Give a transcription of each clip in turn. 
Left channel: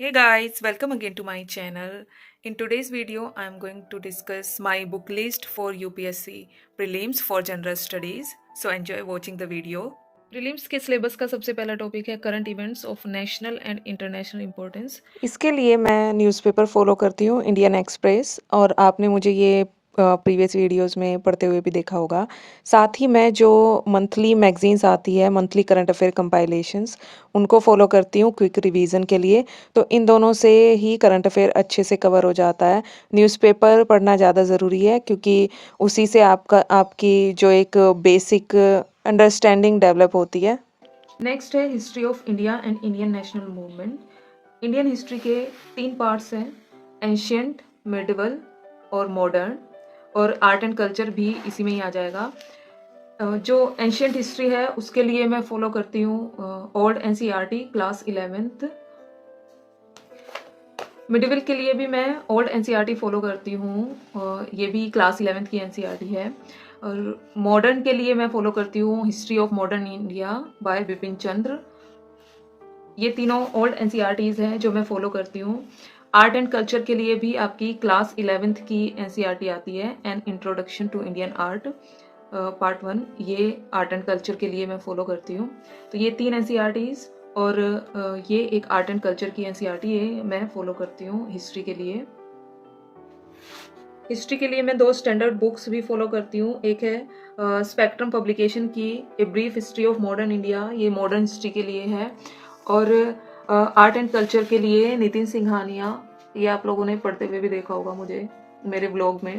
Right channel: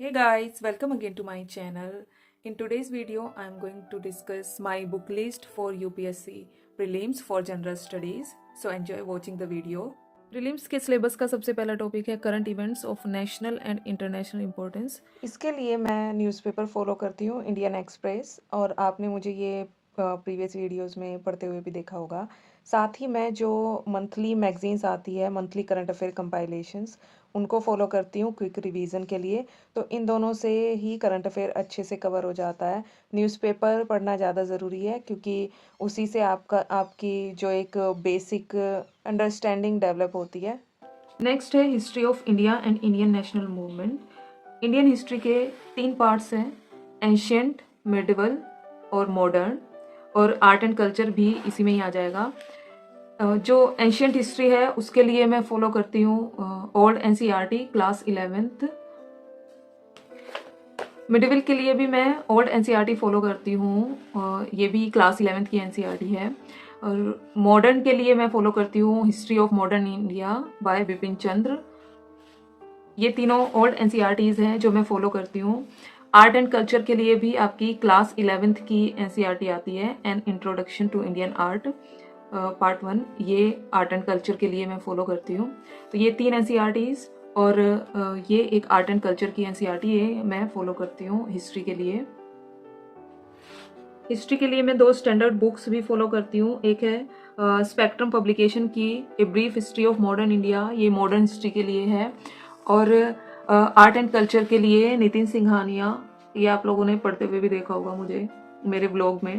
Hey guys, welcome again to my channel. In today's video, I am going to discuss my book list for UPSC Prelims for General Studies. So enjoy watching the video. Prelims के syllabus का सबसे पहला topic है current events of national and international importance. इसके लिए मैं newspaper follow करती हूँ इंडियन एक्सप्रेस, और आपने मुझे ये प्रीवियस वीडियोस में पढ़ते हुए भी देखा होगा। साथ ही मैं जो मंथली मैगजीन्स आती है, मंथली करंट अफेयर कंपाइलेशंस, उनको फॉलो करती हूँ क्विक रिवीजन के लिए। तो इन दोनों से ही करंट अफेयर अच्छे से कवर हो जाता है। न्यूज़पेपर पढ़ना ज़्यादा ज़रूरी है क्योंकि उसी से आपकी जो एक बेसिक अंडरस्टैंडिंग डेवलप होती है। नेक्स्ट है history of India and Indian national movement. Indian history के 3 पार्ट्स हैं, एंशियंट, मिडिवल और मॉडर्न, और आर्ट एंड कल्चर भी इसी में ही आ जाएगा। जो एंशियंट हिस्ट्री है उसके लिए मैं फॉलो करती हूँ old NCERT class 11th। Medieval के लिए भी मैं ओल्ड एनसीईआरटी फॉलो करती हूँ, ये भी क्लास 11th की एनसीईआरटी है। और मॉडर्न के लिए मैं फॉलो करती हूँ history of modern India by Bipin Chandra. ये तीनों ओल्ड एनसीईआरटीज हैं जो मैं फॉलो करती हूँ। आर्ट एंड कल्चर के लिए भी आपकी क्लास 11th की एनसीईआरटी आती है, an introduction to Indian art part 1। ये आर्ट एंड कल्चर के लिए मैं फॉलो करती हूँ। तो ये 3 एनसीईआरटीज और ये एक आर्ट एंड कल्चर की एनसीईआरटी है मैं फॉलो करती हूँ हिस्ट्री के लिए। हिस्ट्री के लिए मैं 2 स्टैंडर्ड बुक्स भी फॉलो करती हूँ। एक है स्पेक्ट्रम पब्लिकेशन की a brief history of modern India, ये मॉडर्न हिस्ट्री के लिए है। और आर्ट एंड कल्चर के लिए नितिन सिंघानिया, ये आप लोगों ने पढ़ते हुए भी देखा होगा मुझे मेरे ब्लॉग में।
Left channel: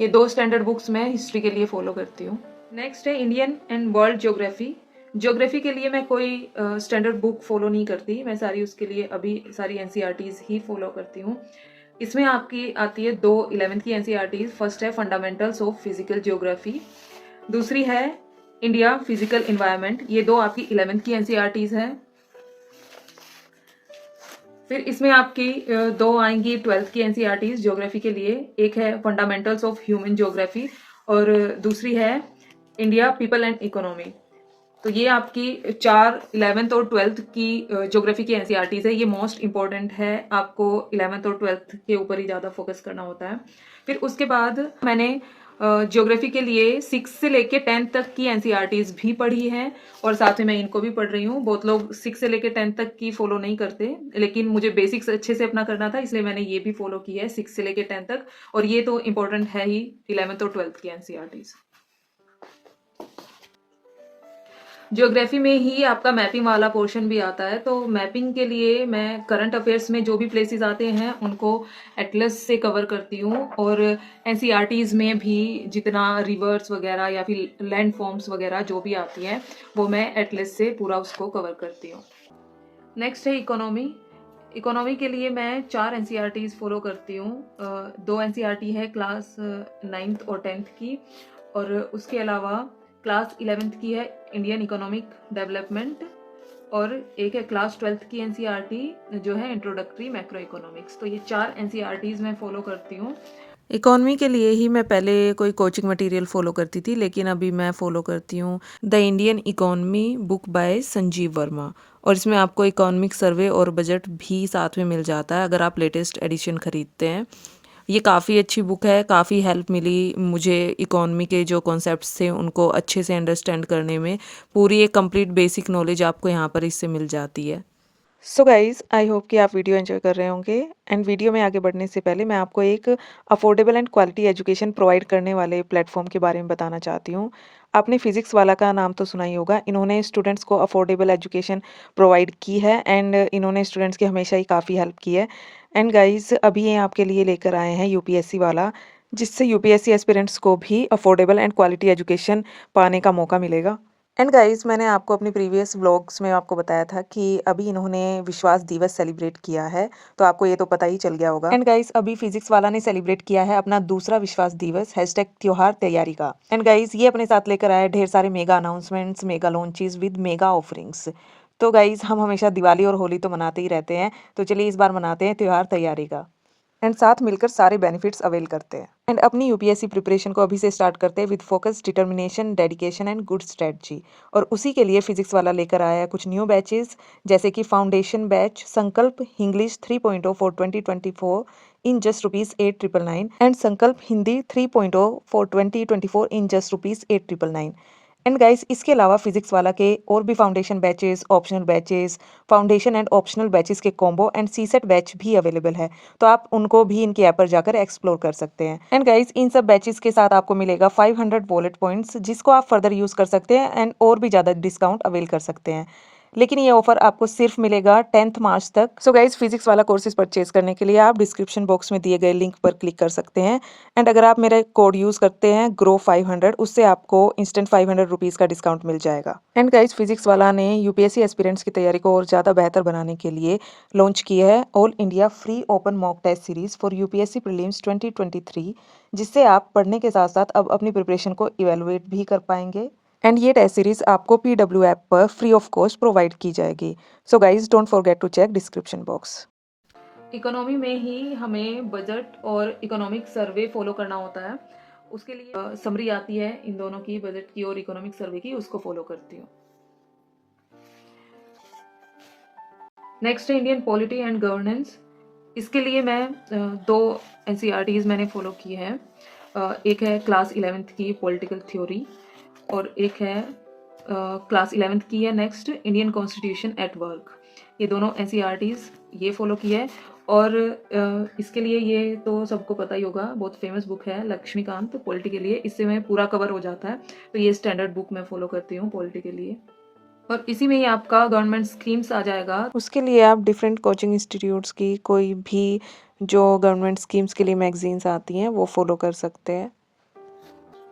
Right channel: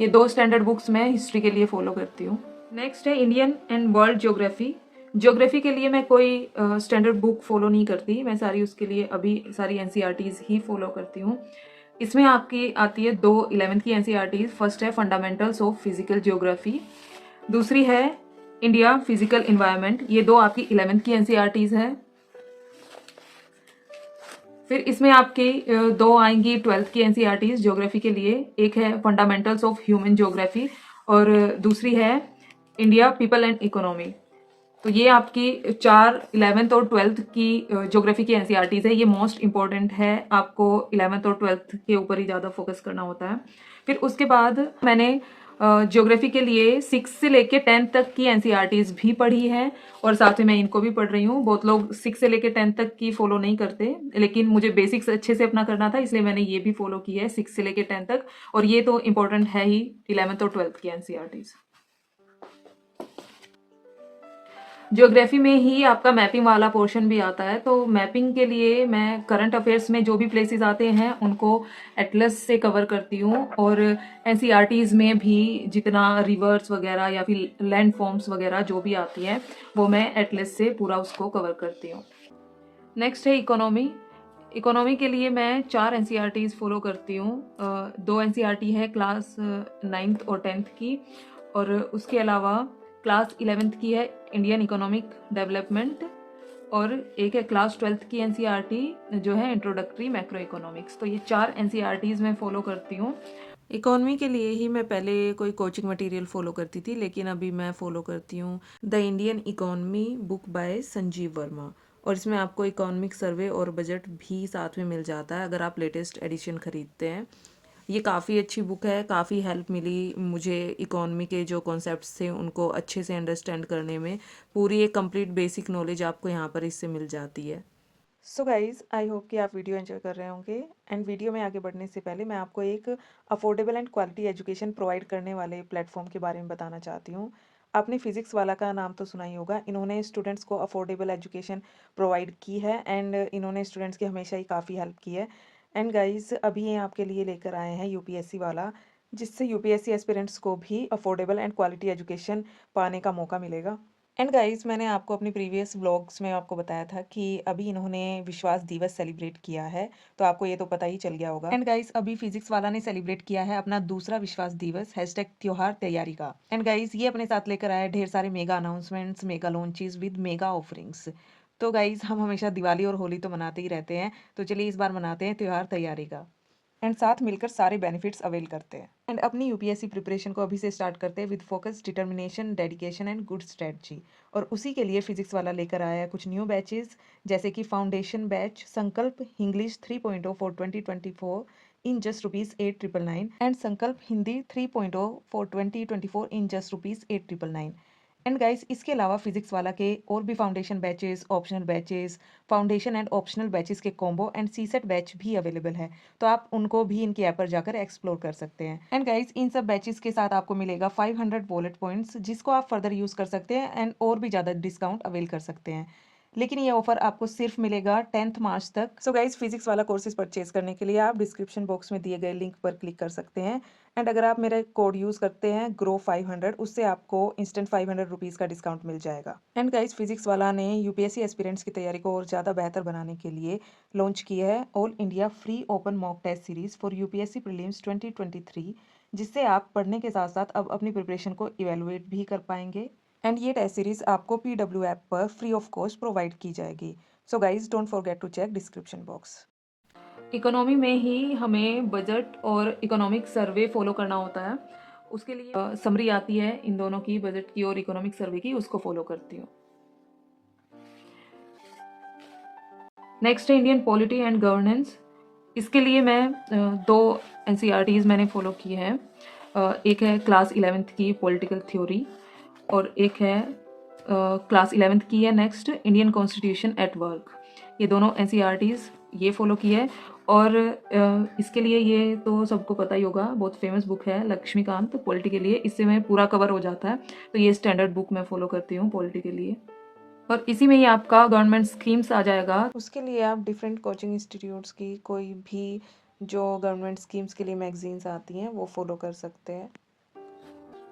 ये 2 स्टैंडर्ड बुक्स मैं हिस्ट्री के लिए फॉलो करती हूँ। नेक्स्ट है Indian and world geography. Geography के लिए मैं कोई स्टैंडर्ड बुक फॉलो नहीं करती, मैं सारी उसके लिए अभी सारी एनसीईआरटीज ही फॉलो करती हूँ। इसमें आपकी आती है 2 11th की एनसीईआरटीज। फर्स्ट है फंडामेंटल्स ऑफ फिजिकल ज्योग्राफी, दूसरी है इंडिया फिजिकल इन्वायरमेंट। ये 2 आपकी 11th की एनसीईआरटीज है। फिर इसमें आपकी 2 आएंगी 12th की एनसीईआरटीज ज्योग्राफी के लिए। एक है फंडामेंटल्स ऑफ ह्यूमन ज्योग्राफी और दूसरी है इंडिया पीपल एंड इकोनॉमी। तो ये आपकी 4 11th और 12th की ज्योग्राफी की एनसीईआरटीज है। ये मोस्ट इंपॉर्टेंट है, आपको 11th और 12th के ऊपर ही ज़्यादा फोकस करना होता है। फिर उसके बाद मैंने ज्योग्राफी के लिए 6 से लेके 10th तक की एनसीईआरटीज भी पढ़ी है, और साथ में मैं इनको भी पढ़ रही हूँ। बहुत लोग 6 से लेके 10th तक की फॉलो नहीं करते, लेकिन मुझे बेसिक्स अच्छे से अपना करना था, इसलिए मैंने ये भी फॉलो की है 6 से लेके 10th तक। और ये तो इंपॉर्टेंट है ही 11th और 12th की एनसीईआरटीज। ज्योग्राफी में ही आपका मैपिंग वाला पोर्शन भी आता है। तो मैपिंग के लिए मैं करंट अफेयर्स में जो भी प्लेसेस आते हैं उनको एटलस से कवर करती हूँ, और एनसीईआरटीज में भी जितना रिवर्स वगैरह या फिर लैंड फॉर्म्स वगैरह जो भी आती है वो मैं एटलस से पूरा उसको कवर करती हूँ। नेक्स्ट है इकोनॉमी। इकोनॉमी के लिए मैं 4 एनसीईआरटीज फॉलो करती हूँ। 2 एनसीईआरटी है क्लास 9th और 10th की, और उसके अलावा क्लास 11th की है इंडियन इकोनॉमिक डेवलपमेंट, और एक है क्लास 12th की एनसीईआरटी जो है इंट्रोडक्टरी मैक्रो इकोनॉमिक्स। तो ये 4 एनसीईआरटीज मैं फॉलो करती हूँ। इकोनॉमी के लिए ही मैं पहले कोई कोचिंग मटेरियल फॉलो करती थी, लेकिन अभी मैं फॉलो करती हूँ the Indian economy book by Sanjeev Verma, और इसमें आपको इकोनॉमिक सर्वे और बजट भी साथ में मिल जाता है अगर आप लेटेस्ट एडिशन खरीदते हैं। ये काफ़ी अच्छी बुक है, काफ़ी हेल्प मिली मुझे इकोनॉमी के जो कॉन्सेप्ट्स थे उनको अच्छे से अंडरस्टैंड करने में। पूरी एक कंप्लीट बेसिक नॉलेज आपको यहाँ पर इससे मिल जाती है। सो गाइज़, आई होप कि आप वीडियो एंजॉय कर रहे होंगे। एंड वीडियो में आगे बढ़ने से पहले मैं आपको एक affordable and quality education provide करने वाले प्लेटफॉर्म के बारे में बताना चाहती हूँ। आपने फिजिक्स वाला का नाम तो सुना ही होगा। इन्होंने स्टूडेंट्स को अफोर्डेबल एजुकेशन प्रोवाइड की है, एंड इन्होंने स्टूडेंट्स की हमेशा ही काफ़ी हेल्प की है। एंड गाइज़, अभी ये आपके लिए लेकर आए हैं यूपीएससी वाला, जिससे यूपीएससी एस्पिरेंट्स को भी अफोर्डेबल एंड क्वालिटी एजुकेशन पाने का मौका मिलेगा। एंड गाइस, मैंने आपको अपनी प्रीवियस व्लॉग्स में आपको बताया था कि अभी इन्होंने विश्वास दिवस सेलिब्रेट किया है, तो आपको ये तो पता ही चल गया होगा। एंड गाइस, अभी फिजिक्स वाला ने सेलिब्रेट किया है अपना दूसरा विश्वास दिवस #त्योहार तैयारी का। एंड गाइस, ये अपने साथ लेकर आया ढेर सारे mega announcements, mega launches with mega offerings. तो गाइस, हम हमेशा दिवाली और होली तो मनाते ही रहते हैं, तो चलिए इस बार मनाते हैं त्योहार तैयारी का। एंड साथ मिलकर सारे बेनिफिट्स अवेल करते हैं। एंड अपनी यूपीएससी प्रिपरेशन को अभी से स्टार्ट करते हैं with focus, determination, dedication and good strategy. और उसी के लिए फिजिक्स वाला लेकर आया है कुछ न्यू बैचेस, जैसे कि foundation batch Sankalp English 3.0 for 2024 in just ₹8,999 and Sankalp Hindi 3.0 for 2024 in just ₹8,999। And guys, इसके अलावा फिजिक्स वाला के और भी foundation batches, optional batches, foundation and optional batches के कॉम्बो एंड सीसेट बैच भी अवेलेबल है, तो आप उनको भी इनकी ऐप पर जाकर एक्सप्लोर कर सकते हैं। एंड गाइस, इन सब बैचेस के साथ आपको मिलेगा 500 वॉलेट पॉइंट्स, जिसको आप फर्दर यूज कर सकते हैं एंड और भी ज़्यादा डिस्काउंट अवेल कर सकते हैं। लेकिन ये ऑफर आपको सिर्फ मिलेगा 10th मार्च तक। सो गाइज, फिजिक्स वाला कोर्सेज परचेज करने के लिए आप डिस्क्रिप्शन बॉक्स में दिए गए लिंक पर क्लिक कर सकते हैं। एंड अगर आप मेरा कोड यूज़ करते हैं GROW500, उससे आपको इंस्टेंट 500 रुपीज़ का डिस्काउंट मिल जाएगा। एंड गाइज, फिजिक्स वाला ने यूपीएससी एस्पिरेंट्स की तैयारी को और ज़्यादा बेहतर बनाने के लिए लॉन्च किया है all India free open mock test series for UPSC prelims 2023, जिससे आप पढ़ने के साथ साथ अब अपनी प्रिपरेशन को इवेलुएट भी कर पाएंगे। एंड ये टेस्ट सीरीज आपको PW ऐप पर फ्री ऑफ कॉस्ट प्रोवाइड की जाएगी। So guys, don't forget to check description box. Economy में ही हमें बजट और इकोनॉमिक सर्वे फॉलो करना होता है। उसके लिए समरी आती है इन दोनों की, बजट की और इकोनॉमिक सर्वे की, उसको फॉलो करती हूँ। नेक्स्ट है इंडियन पॉलिटी एंड गवर्नेंस। इसके लिए मैं दो NCERTs मैंने फॉलो किए हैं। एक है क्लास 11th की पॉलिटिकल थ्योरी और एक है क्लास 11th की है next Indian constitution at work. ये दोनों NCERTs ये फॉलो किए है। और इसके लिए ये तो सबको पता ही होगा, बहुत फेमस बुक है लक्ष्मीकांत पॉलिटी के लिए, इससे मैं पूरा कवर हो जाता है। तो ये स्टैंडर्ड बुक मैं फॉलो करती हूँ पॉलिटी के लिए। और इसी में ही आपका गवर्नमेंट स्कीम्स आ जाएगा। उसके लिए आप डिफरेंट कोचिंग इंस्टीट्यूट्स की कोई भी जो गवर्नमेंट स्कीम्स के लिए मैगजीन्स आती हैं वो फॉलो कर सकते हैं।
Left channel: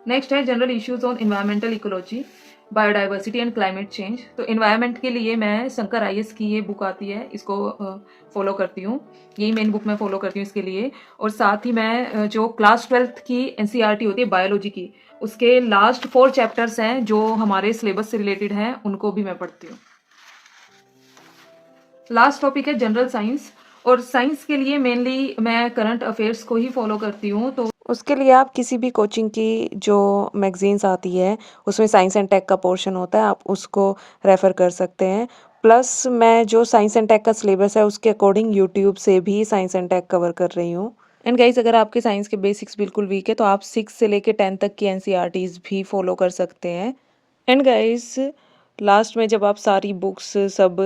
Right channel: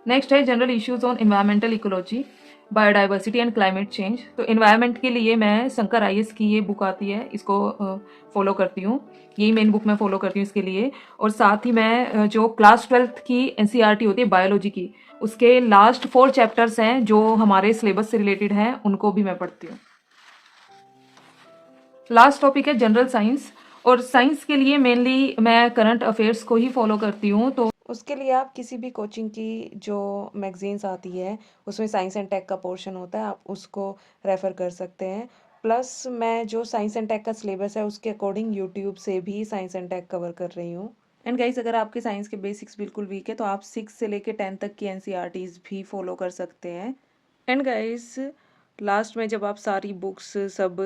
नेक्स्ट है general issues on environmental ecology, biodiversity and climate change. तो इन्वायरमेंट के लिए मैं शंकर IAS की ये बुक आती है, इसको फॉलो करती हूँ। यही मेन बुक मैं फॉलो करती हूँ इसके लिए। और साथ ही मैं जो क्लास 12th की NCERT होती है बायोलॉजी की, उसके लास्ट 4 चैप्टर्स हैं जो हमारे सिलेबस से रिलेटेड हैं, उनको भी मैं पढ़ती हूँ। लास्ट टॉपिक है जनरल साइंस। और साइंस के लिए मेनली मैं करंट अफेयर्स को ही फॉलो करती हूँ। तो उसके लिए आप किसी भी कोचिंग की जो मैगजीन्स आती है उसमें साइंस एंड टेक का पोर्शन होता है, आप उसको रेफ़र कर सकते हैं। प्लस मैं जो साइंस एंड टेक का सिलेबस है उसके अकॉर्डिंग यूट्यूब से भी साइंस एंड टेक कवर कर रही हूँ। एंड गाइस, अगर आपके साइंस के बेसिक्स बिल्कुल वीक है तो आप 6 से लेके 10 तक की NCERTs भी फॉलो कर सकते हैं। एंड गाइस, लास्ट में जब आप सारी बुक्स सब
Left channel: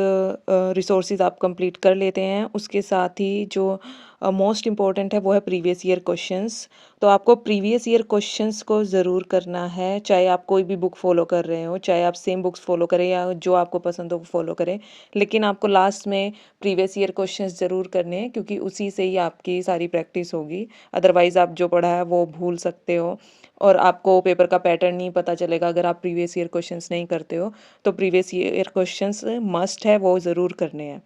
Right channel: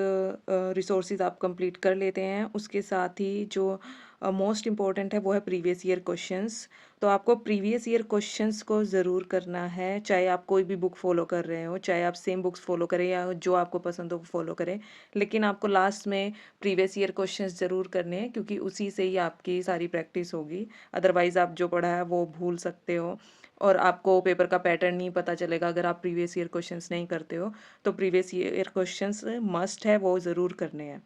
रिसोर्सेज आप कंप्लीट कर लेते हैं, उसके साथ ही जो मोस्ट इम्पॉर्टेंट है वो है प्रीवियस ईयर क्वेश्चंस। तो आपको प्रीवियस ईयर क्वेश्चंस को ज़रूर करना है, चाहे आप कोई भी बुक फॉलो कर रहे हो, चाहे आप सेम बुक्स फॉलो करें या जो आपको पसंद हो वो फॉलो करें, लेकिन आपको लास्ट में प्रीवियस ईयर क्वेश्चंस ज़रूर करने हैं, क्योंकि उसी से ही आपकी सारी प्रैक्टिस होगी। अदरवाइज़ आप जो पढ़ा है वो भूल सकते हो और आपको पेपर का पैटर्न नहीं पता चलेगा अगर आप प्रीवियस ईयर क्वेश्चंस नहीं करते हो। तो प्रीवियस ईयर क्वेश्चंस मस्ट है, वो ज़रूर करने हैं।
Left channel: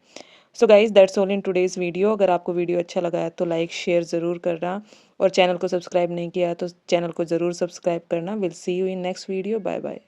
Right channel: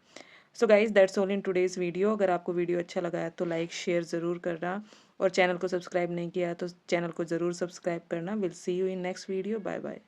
So guys, that's all in today's video. अगर आपको वीडियो अच्छा लगा है तो लाइक शेयर ज़रूर करना, और चैनल को सब्सक्राइब नहीं किया है तो चैनल को ज़रूर सब्सक्राइब करना। Will see you in next video. Bye bye.